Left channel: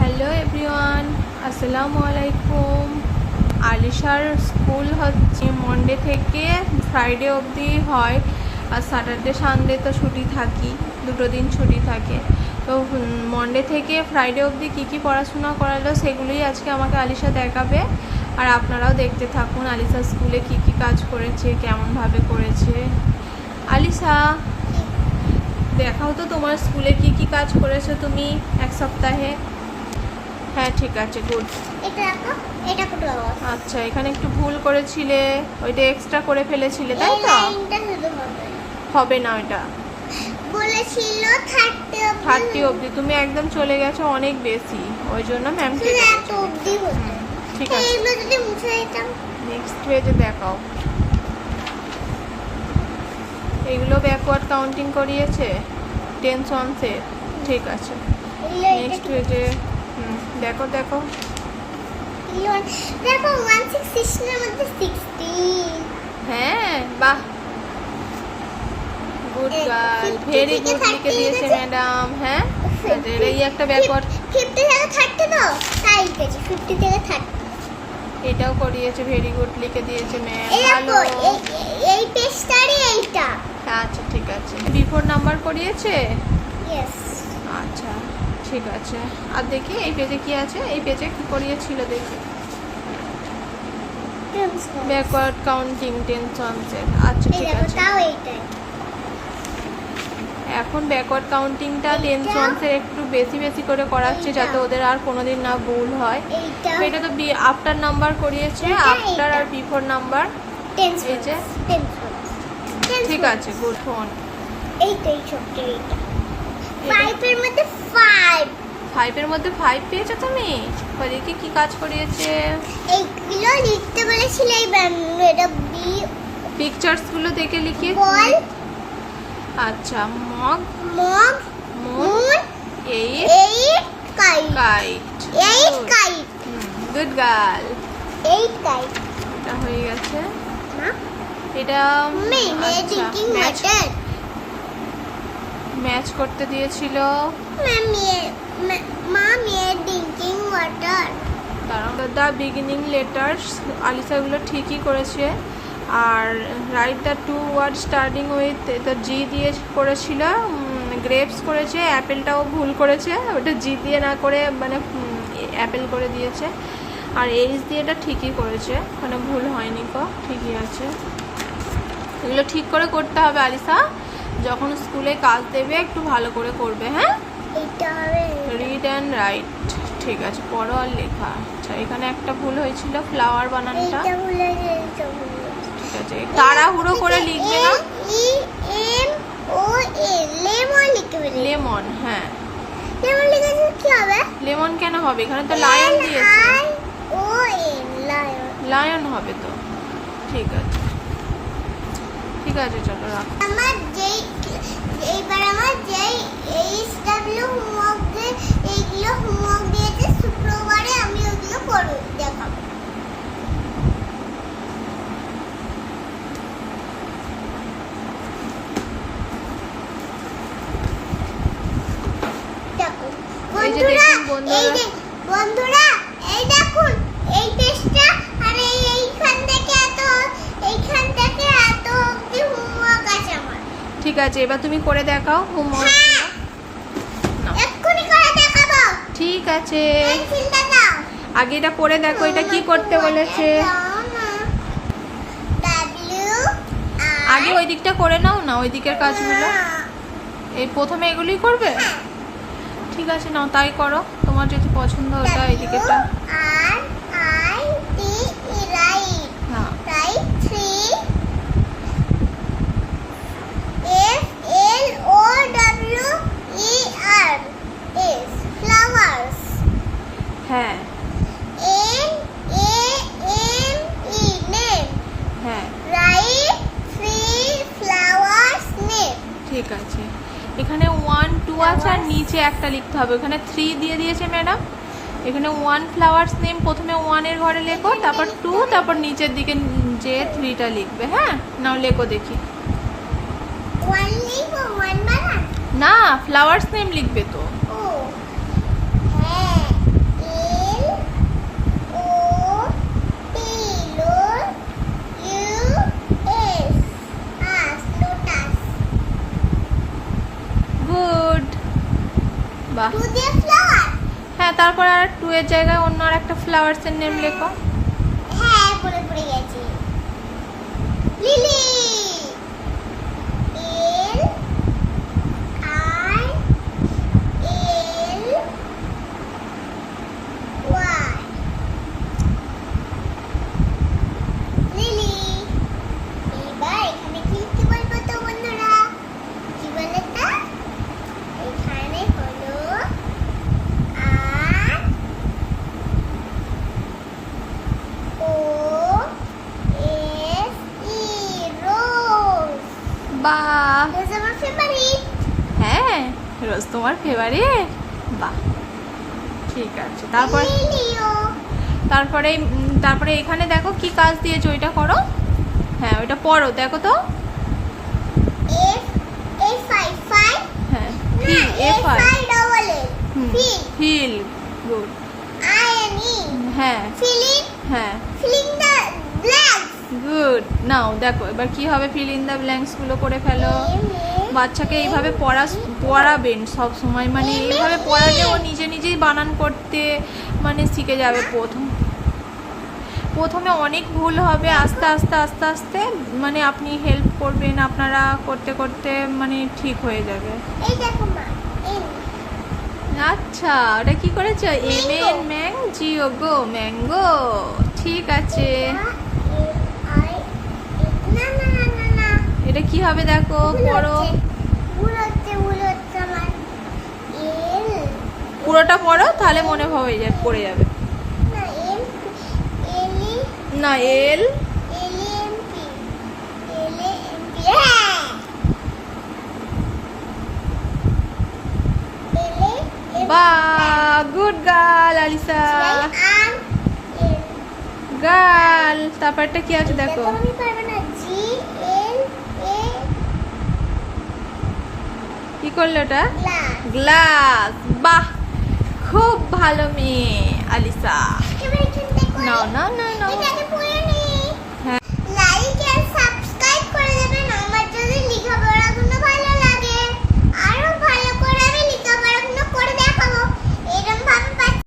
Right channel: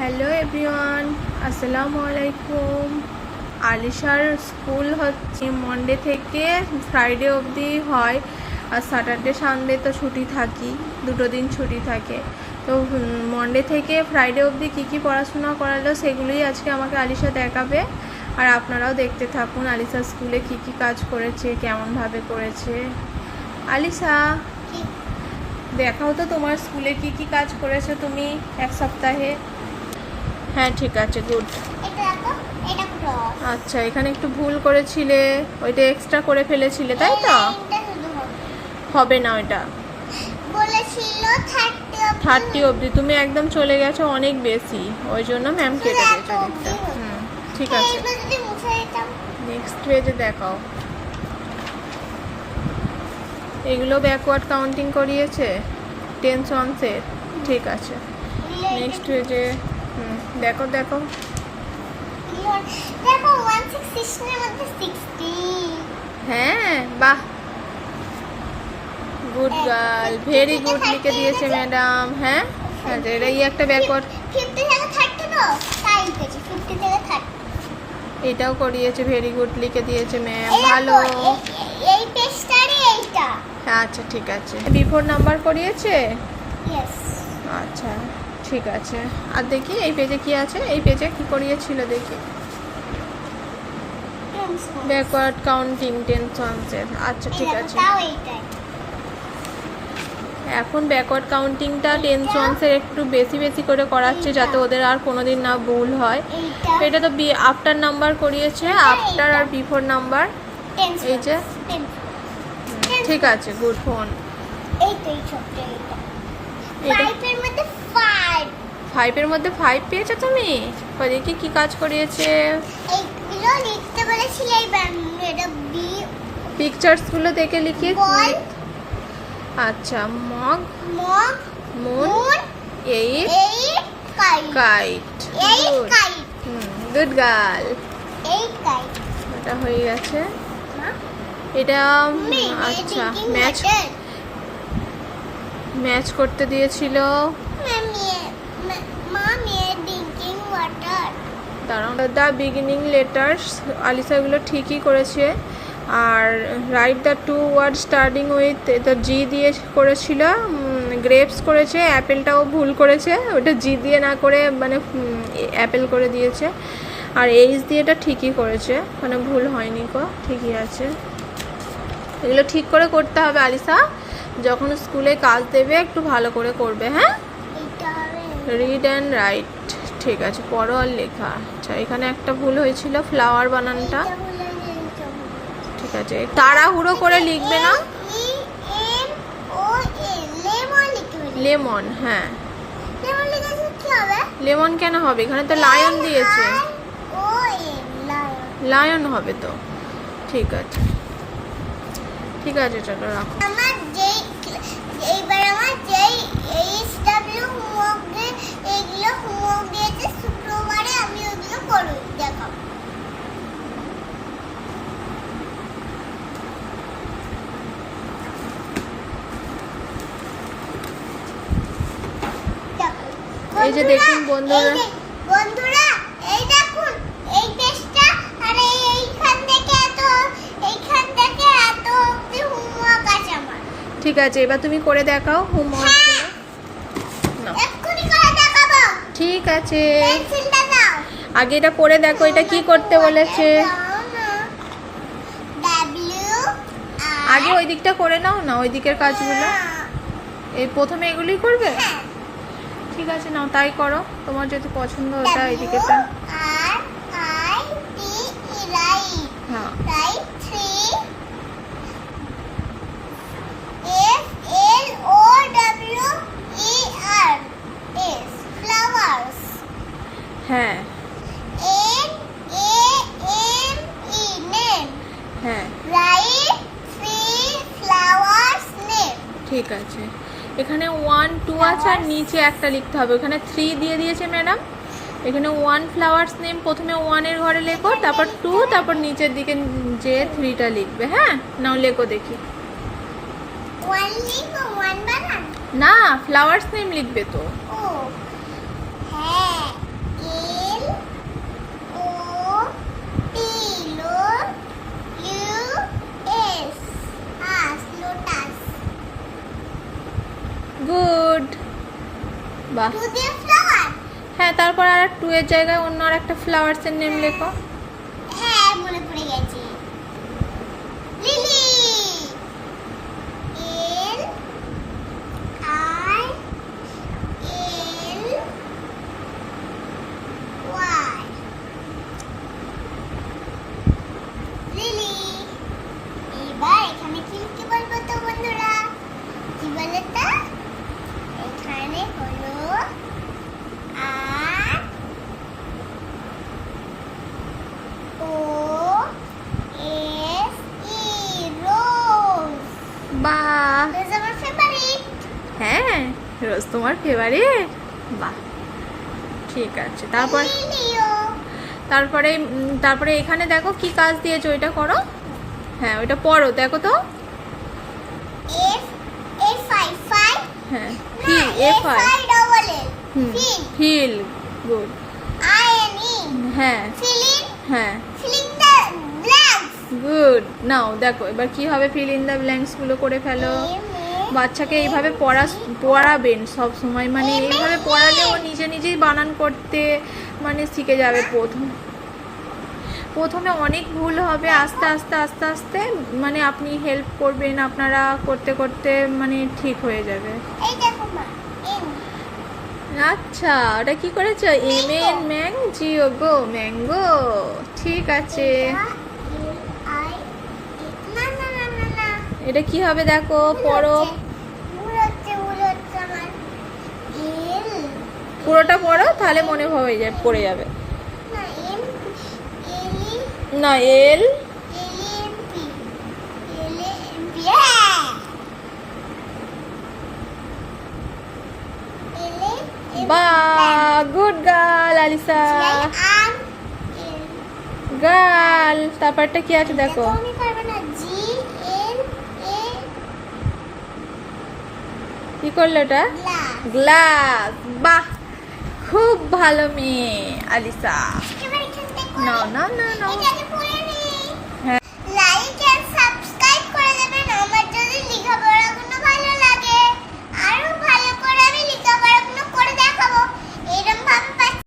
Hello everyone আসসালামু আলাইকুম আলিশার স্কুল হচ্ছে মন্ডে থেকে ফ্রাইডে অবধি হয়। আর স্যাটারডে সানডে তো ছুটি থাকি, দুটো দিন ছুটি থাকে। তো মন্ডে থেকে ফ্রাইডে অবধি কী কী পড়াশোনা করালো সেগুলোই আজকে আমাকে আলিশা দেখাবে। আর আপনারাও দেখতে থাকুন আলিশা স্কুলে কী কী কাজ করেছে কেমনভাবে করেছে। আলিশা দেখাও তো তোমার স্কুলে কি কি কাজ করেছ তুমি এক সপ্তাহে। হ্যাঁ ঠিক আছে গুড আচ্ছা এখানে একটু ভুল করেছিলে ওইটা এক্সট্রা করে ফেলেছিলে তাই তো? হবে। না ওইটা। বলেছিল থার্টি অবধি। তুমি একদম চলে গেছো অনেক বেশি ওই জন্য ম্যাম কেটে ঠিক আছে। নেক্সট পেজে দেখাও। এগুলো ব্যাকওয়ার্ড কাউন্টিং করিয়েছে টেন সনসের ঠিক আছে। নেক্সট পেজে হুম দেখো দেখো। দেখো মধ্যে হ্যাঁ বাহ। গুড গার্ল ভেরি গুড লিখে দিয়েছে ম্যাডাম হ্যাঁ? আচ্ছা এই একটা ব্যাকওয়ার্ড ফিফটি থেকে থার্টি তো? তাই লিখেছি ফিফটি থেকে থার্টি এটাও করিয়েছে ভেরি গুড লিখে দিয়েছে ম্যাম ভালো। এই- এই এইটা। আচ্ছা ঠিক আছে। বিফোর নাম্বার করিয়েছে? ঠিক আছে। আর দেখি এই পেজে কি আছে? এই পেজে কি করিয়েছিল দেখি। ব্যাকওয়ার্ড কাউন্টিং টেনশনসের আচ্ছা ঠিক আছে। এখন ব্যাকওয়ার্ড কাউন্টিংটা টেনশনসের একটু বেশি বেশি করে করাচ্ছে যাতে ওদের আর কোনোদিন না ভুল হয়। এটা তো আফটার নাম্বার করিয়েছে। আফটার আর বিফোর নাম্বার টেন্স এই যে? ঠিক আছে গুড ফোন এইটা এই ছোট্ট এইটা? ফাইভের মধ্যে ফাইভ ফাইভের মধ্যে ফাইভ পেয়েছ তুমি? দেখি কি কাজ করিয়েছে? এইগুলো লিখতে বলেছিল এই এটা বি পিকচার্সগুলো দেখে লিখিয়ে বল আচ্ছা mug mug moon eight eight kite kite eight kite good girl eight kite এটা হয়ে গেছে। না এটা আচ্ছা ম্যাচ ম্যাচ করতে দিয়েছিল। দ্য বিগিনিং লেটার্স আলিসা এগুলো ঠিকই করেছে। আর write the two word starting with the G দিয়ে করেছিল গ্রেপস করেছে অ্যাপেলটাও ভুল করেছে, ওটা জি দিয়ে না করে মানে অ্যাপেল করে দিয়েছে। আর এইচ দিয়ে এটা ঠিকই করেছে মানে ভুল হয়নি কো ঠিকই আছে। এগুলো ঠিক করে করতে হবে আলিসা। যখন স্কুলে কাজ দেবে একটু ভালো করে করবে হ্যাঁ? রিড অ্যান্ড রাইট ঠিক আছে পড়ো আর লেখা। আচ্ছা এখানে একটা ভুল হয়েছিল ফ্লাওয়ার বানানটা। ঠিক আছে তাড়াহুড়ো করে লিখবে না? এ লেমন হ্যাঁ। লেমন কেন হবে? এখানে তো লায়ন দিয়েছে। লায়ন হবে তো। ঠিক আছে। ঠিক আছে চলো রাখো। এইবার আমার যেই এইচডাব্লিউ হোমওয়ার্ক দিয়ে এইগুলো হোমওয়ার্ক দিয়েছে শুক্রবারে আমি ওইগুলো করে দেখাবো এই যে দেখুন বন্ধুরা। বন্ধুরা ঠিক আছে এবার তুমি করে দেখাও হোমওয়ার্কগুলো না। দেখাবো। ঠিক আছে। আগে এটা করে দেখো এটা কি করতে বলেছে? আগে ওই দিকটা করে নাও না ওই দিকের কাজগুলো। এই প্রথমে এগুলোই করবে? হ্যাঁ। ঠিক আছে নাও তাই করো। তোমার যদি পছন্দ ওটা এই দিকেরটা R I T E write হ্যাঁ write three F L O W E R S flowers হ্যাঁ N A M E name হ্যাঁ রাইট থ্রি ফ্লাওয়ার্স নেম ঠিক আছে। এখানে ওয়ান টু আছে আর নিচে একটা লিখতে হবে। ওখানে থ্রি দিয়ে দিয়েছে ম্যাডাম এখানে ওয়ান ফ্লাওয়ার্স নেম প্রথমে ওয়ানের ঘরে লেখো তারপর টু তারপর নিচের দিকে যে থ্রিটা লিখবে হ্যাঁ? নাও লেখো দেখি। না ফ্লাওয়ার্স নেম লিখবে তো। বাহ। হ্যাঁ তারপর আর টু এর জায়গায় অন্য আর একটা ফ্লাওয়ার্সের নেম লেখো হ্যাঁ মনে পড়ে গেছে lily L I L Y lily এবার এখানে কি কি বলব তো বন্ধুরা কি বলে তা এখানে হলো আর ও এস ই রোজ বাহ হ্যাঁ রোজ তোমার ফেভারিট বাহ ঠিক আছে। তারপর? তারপরে তারপরে এখানে দেখো কি কাজ দিয়েছ ওইটা করো। হ্যাঁ ওইটা পড়ো দেখো তো। হ্যাঁ ফিল গুড ই হ্যাঁ হ্যাঁ। গুড নাও দেখো, এবার কি হবে? ফিল ইন দ্য ব্ল্যাঙ্কসগুলো করে ফেলো। বাচ্চাকে এইভাবে পড়া, পড়াবেন সব সময়। মানে এইভাবে পড়ালে ও নিজে নিজেই বানান করতে মানে শিখে যাবে প্রথম। প্রথমে অনেক ভুল হবে। আস্তে আস্তে আস্তে আস্তে মানে আপনি হেল্প করবেন, আপনারা করতে করতে মানে ঠিক হয়ে যাবে। আচ্ছা ওটা কি করেছ? এম এন ম্যাং জিও গো ম্যাঙ্গো ঠিক আছে এফ আই না না না না না এটা কি হবে দেখো? পড়ো পুরোটা পড়ো তাহলে মনে হয়ে যায় পড়ে যাবে। না এলি। হ্যাঁ। বা গুড গার্ল আলিসা। গার্ল তারপরটা কি আছে দেখো আমি পারবে না জি এল এ কি করল ওটা? গ্লাস বাহ খুব ভালো মেয়ে আলিসা। না না না নাও